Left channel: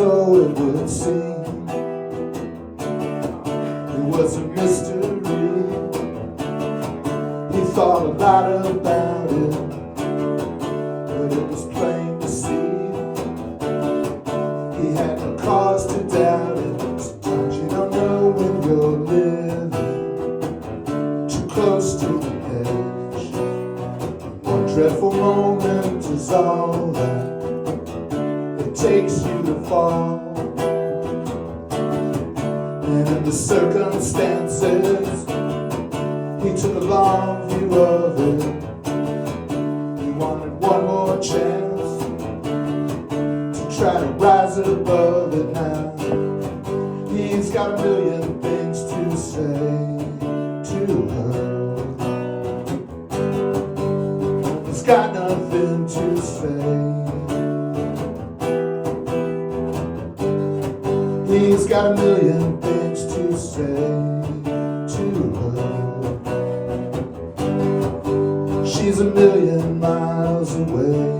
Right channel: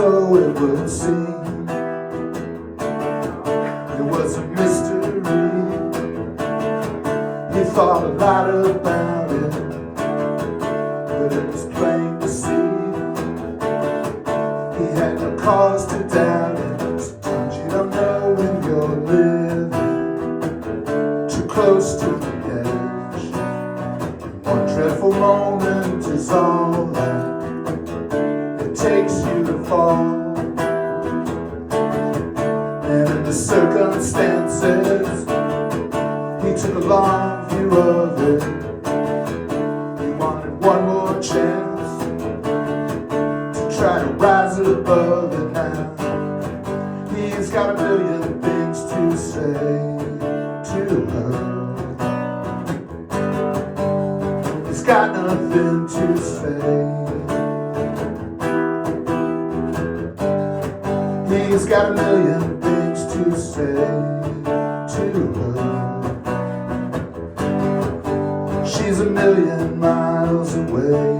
so it would seem. It was a mystery. He thought a lot about it, but it was plain to see. He had no cause to doubt it. Sometimes you don't know when you're living too close to the edge. One dreadful moment is all that it takes you to fall. And in the circumstances, he took a long view of it. He wanted one more chance to try to rise above it now. He's got a million things to say to her. He's got nothing to say. He's got a million things to say to her. She's a million miles away.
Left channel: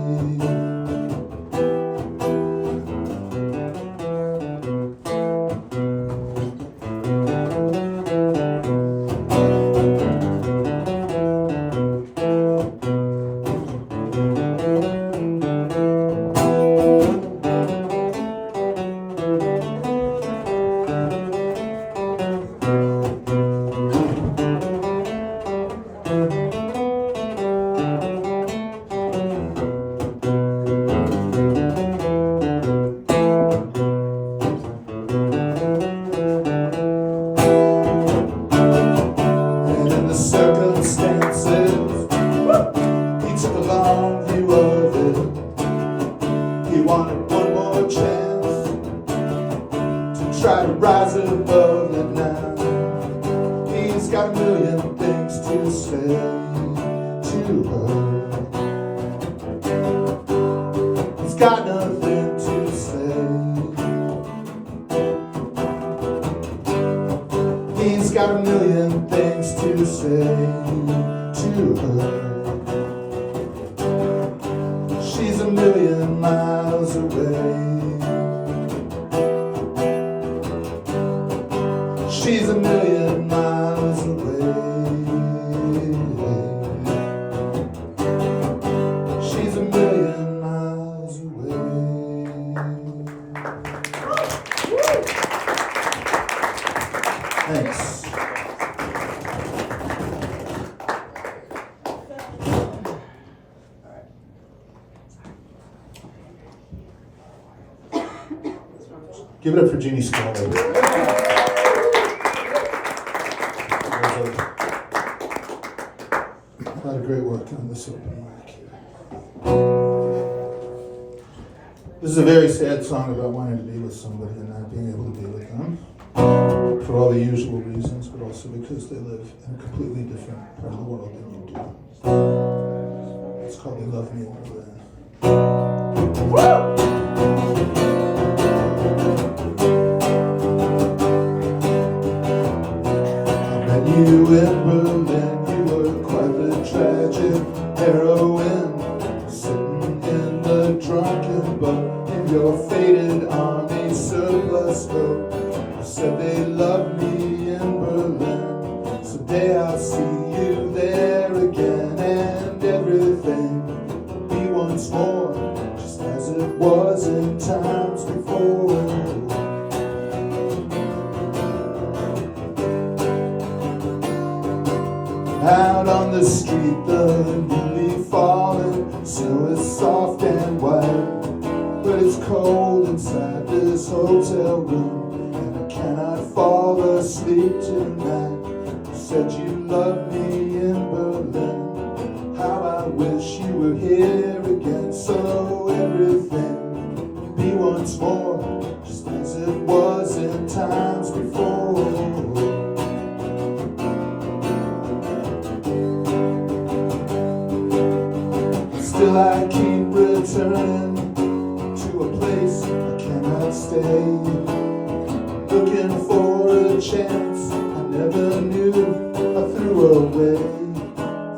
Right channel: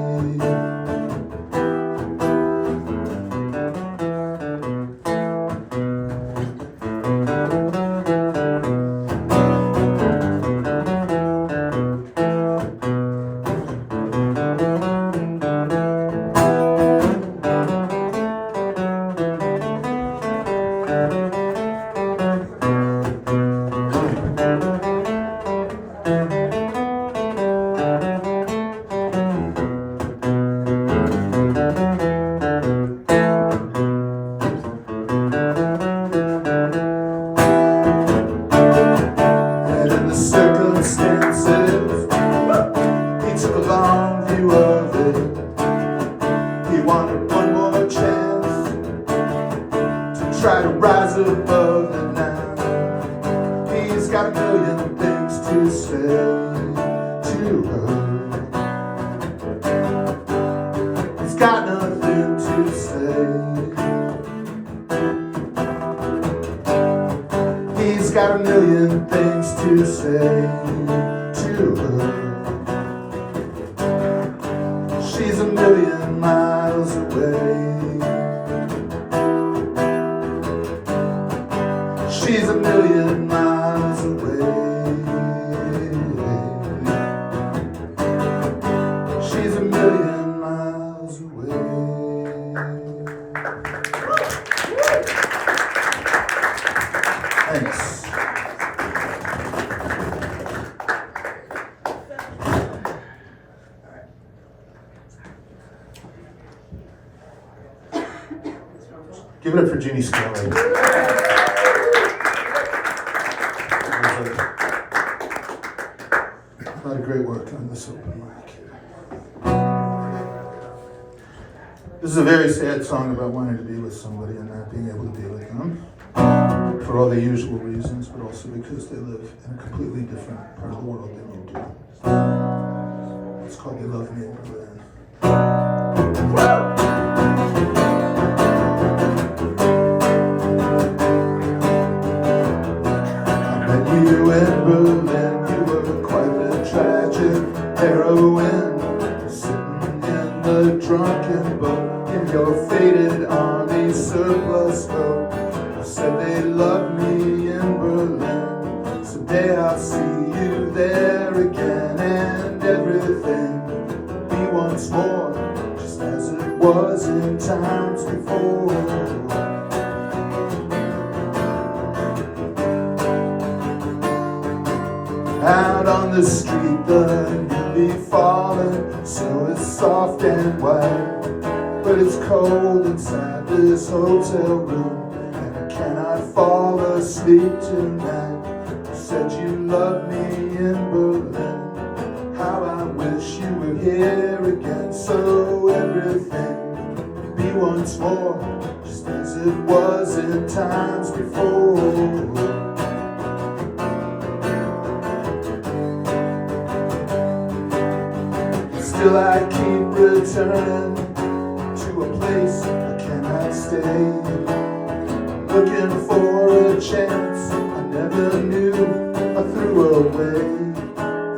Circumstances, he took a long view of it. He wanted one more chance to try to rise above it now. He's got a million things to say to her. He's got nothing to say. He's got a million things to say to her. She's a million miles away. She's a million miles away. She's a million miles away. Thanks. Give it up for Jeannie Scully. A lot of great work on this open mic. This is a very sad song about wanting to be with somebody and not being able to be with them. For all the usual reasons, but also because they live in a completely different part of the world than you do. It's called They Love Me in Berlin. You in Berlin, you were quite the tragic heroine, sitting in the drunken boat in your faded army surplus coat. You said they loved me in Berlin, someday I'll see you there again, and everything will be once more, just as it was in times before. Out on the street, the newly fallen snow is soft and white, but it's cold inside this hotel room, and I cannot fall asleep tonight. You said you loved me in Berlin, how I wish you were here again, so everything would be once more, just as it was in times before. Still I keep returning to a place I cannot stay, looking for a chance I never knew I threw away.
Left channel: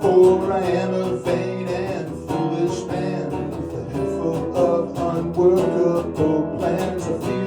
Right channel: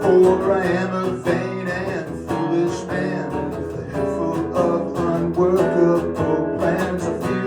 For I am a vain and foolish man with a head full of unworkable plans. I feel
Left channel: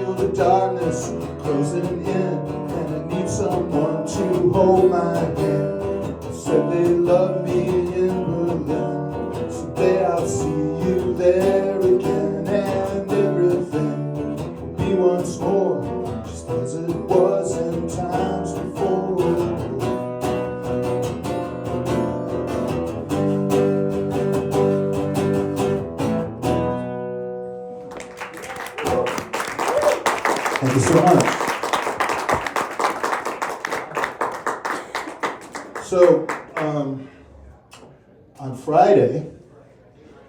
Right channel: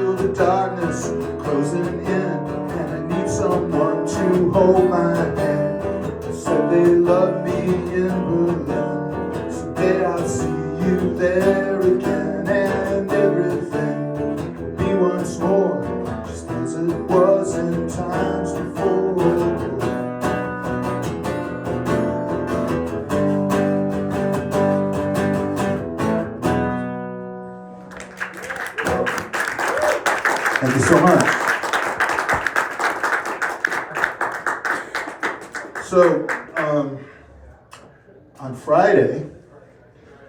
Thank you so much. So, on Friday,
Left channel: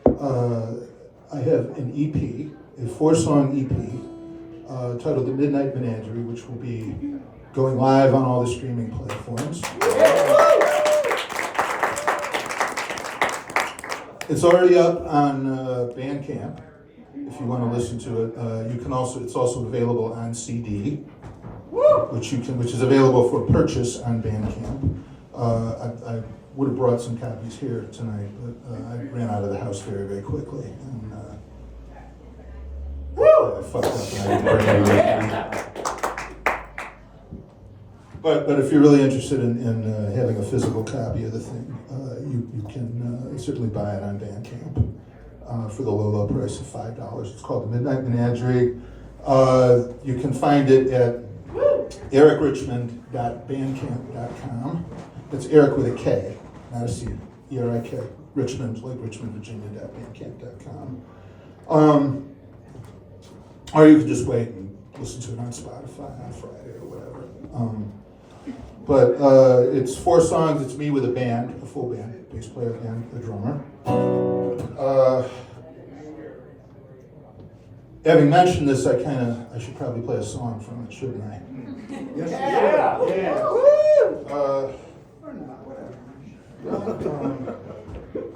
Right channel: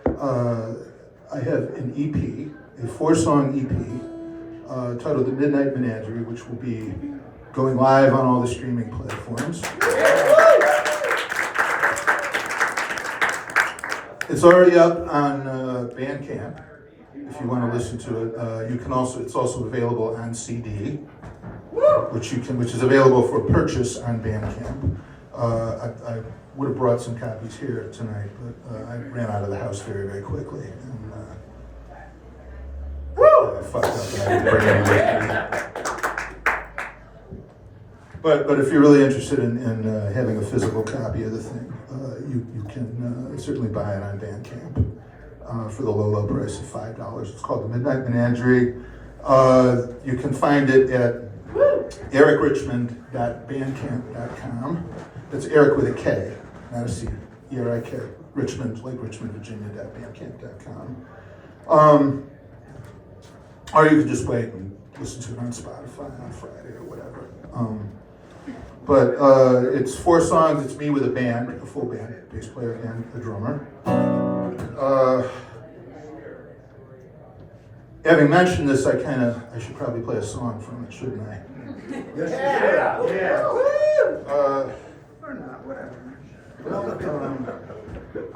I have an EP, a 4-song EP, titled The Midnight Menagerie, which will be going live on all the streaming platforms. It's already up on Bandcamp. If you want to listen to it, you can also. It's also available on CD, which is available for purchase on Bandcamp. I would have brought some copies here tonight, but I ran out of the house very, very quickly, and I fucked up. And I didn't bring any with me. But if you're really interested in having a physical copy of the thing, you can certainly buy it on Bandcamp for the low price of $5. It's called The Midnight Menagerie. You can find it at ericrichmond.bandcamp.com. That's Erik with a K, not a C. E-R-I-K. Richmond, like Richmond, Virginia.bandcamp.com. Or you can just wait and listen to it on Spotify on Friday or whatever. But it's 4 songs. It's me with a band, a full band, bass player and a drummer. Having mentioned this, I should probably play a song from it, shouldn't I? Yes. Yeah.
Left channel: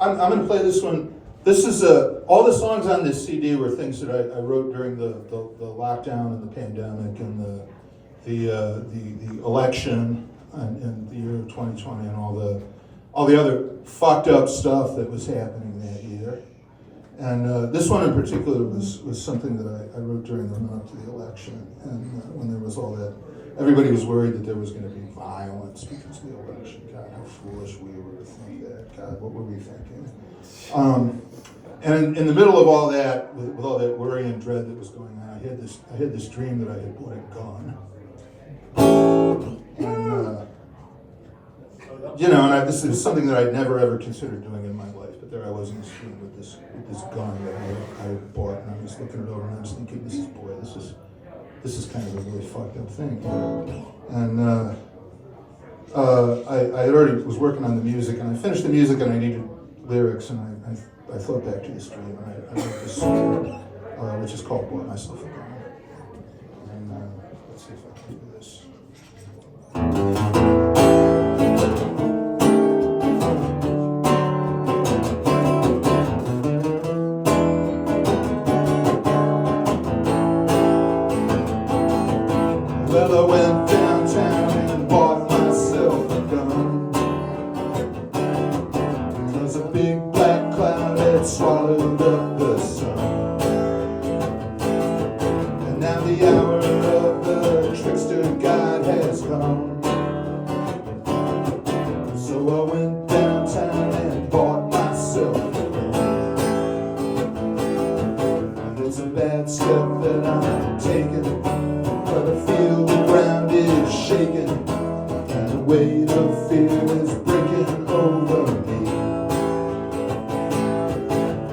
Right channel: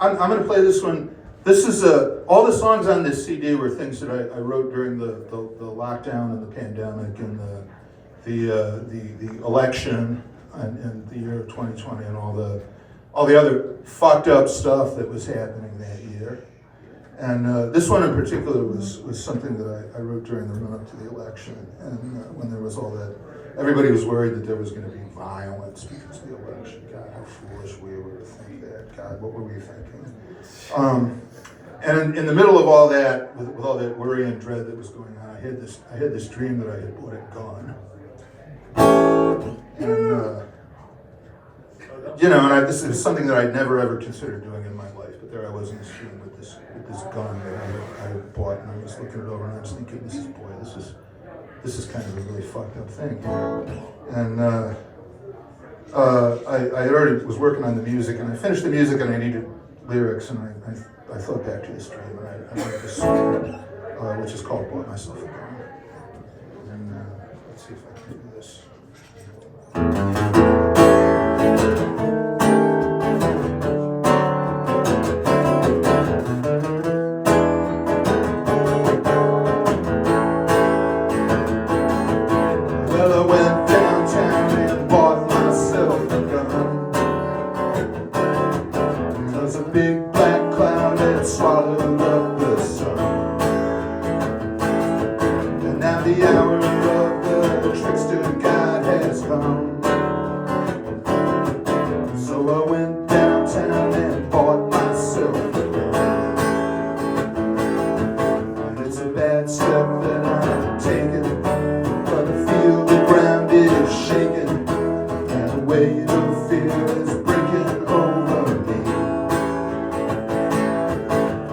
I'm going to play this one. This is all the songs on this CD were things that I wrote during the lockdown and the pandemic and the election and the year of 2020 and all the other fucked up stuff that was happening that year. And this one in particular was something that I wrote during the run-up to the election, and when there was all that, everybody was worried that there was going to be violence because of the election. God, how foolish we were to think that. God, what were we thinking? And in the middle of all that, with all that worry and dread that was going on, I had this dream that I had bought a gun. And this is something that I'd never ever considered doing in my life, but there I was in this room with this gun that I bought, and I was looking it over, and I was thinking, this is kind of a really fucked up thing. And I had already was working on the music, and I finished the music, and I needed lyrics, and I thought back to this dream, and I wrote this song, which is called "Bought Myself a Gun." And let's see if I can do this. Well, I went downtown and bought myself a gun. There was a big black cloud that swallowed up the sun. And now the hour of the trickster God has come. So I went downtown and bought myself a gun. And it's a bad step that I'm taking, but I feel the ground is shaking, and the weight of fear is breaking over me.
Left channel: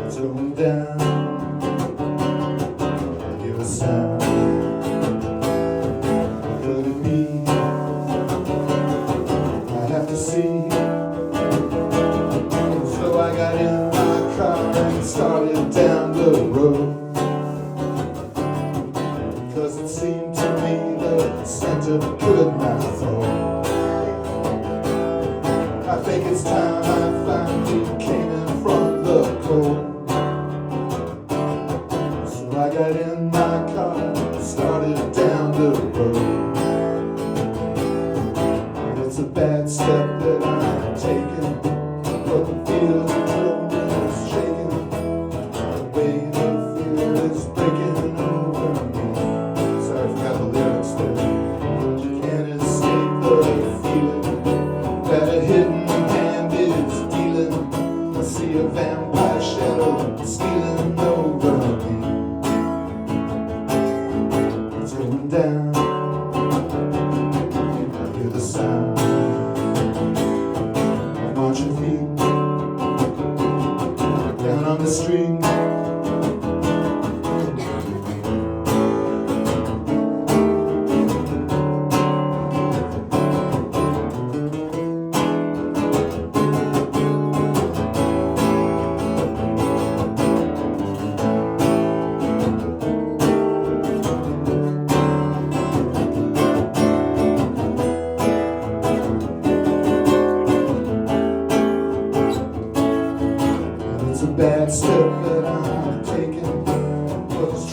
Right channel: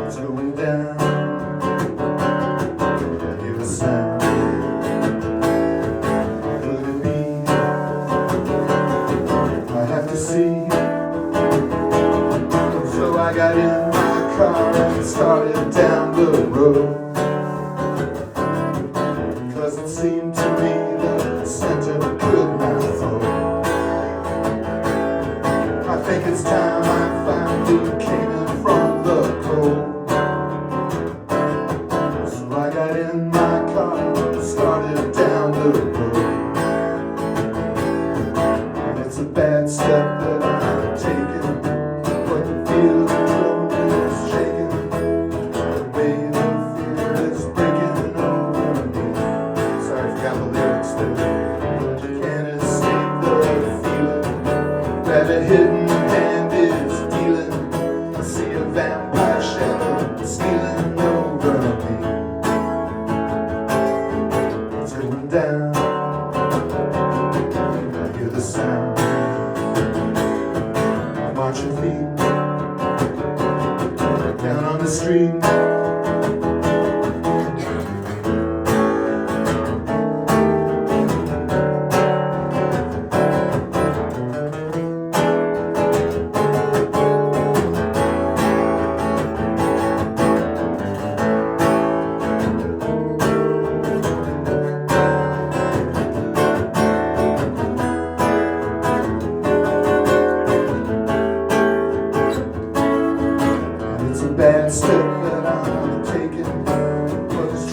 It's going down, I hear a sound. Could it be? I have to see. So I got in my car and started down the road.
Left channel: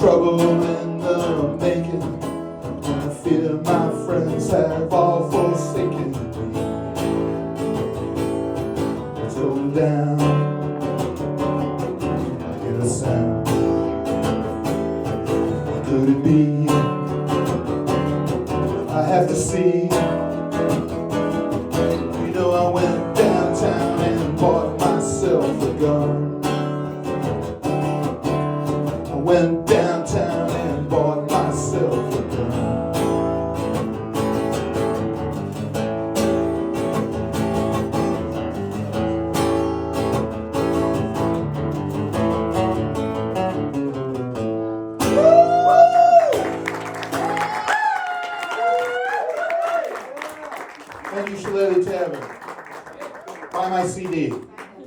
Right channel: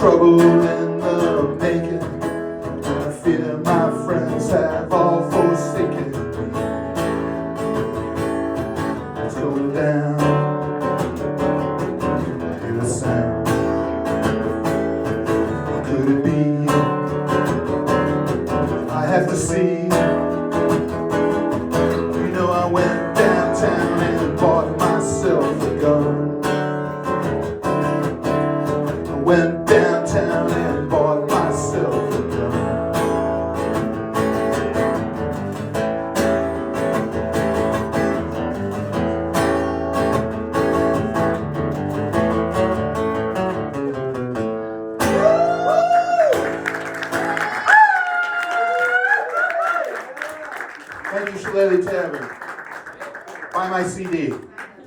trouble in the making, and I fear my friends have all forsaken me. Let's go down, hear the sound. What could it be? I have to see. You know, I went downtown and bought myself a gun. I went downtown and bought myself a gun. And you should let it tavern. Buy my CD.